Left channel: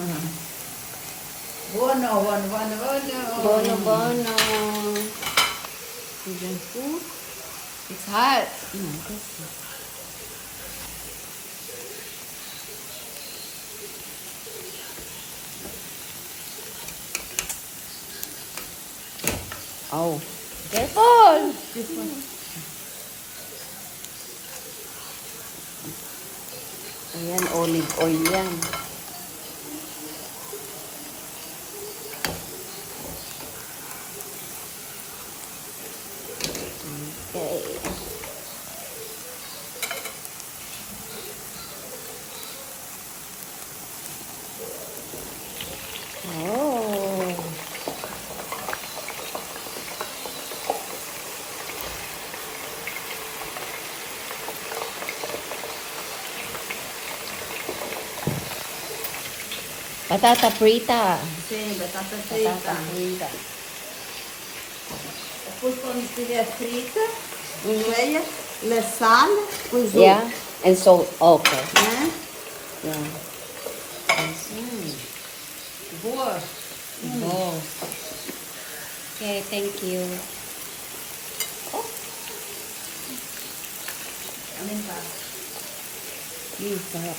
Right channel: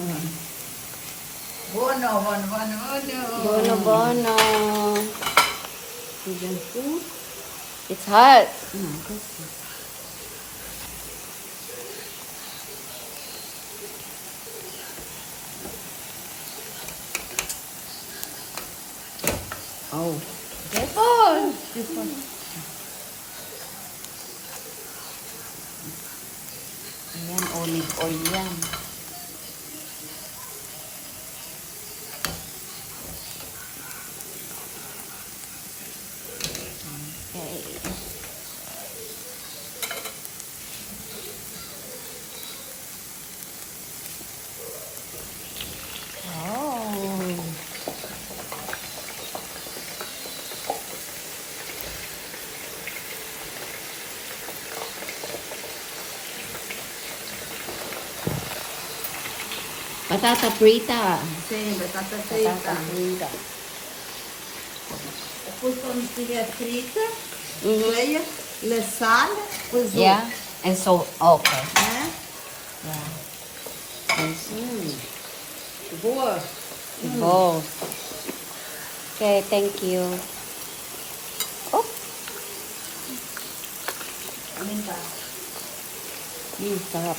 Buono, buono, buono, buono. Bono, bono. Indian food. It's hot. Oh, careful. Ayan, olive oil yan. Okay. Oh. Patata frita. Sì, patata Patata fritta. frita. E poi con la fritta, Mhm. lei le sale, poi su. Yeah, and salt. Okay. Eh? Yeah. Yes. Buono. Oh. Okay, thank you. Oh, Aumenta. sarap.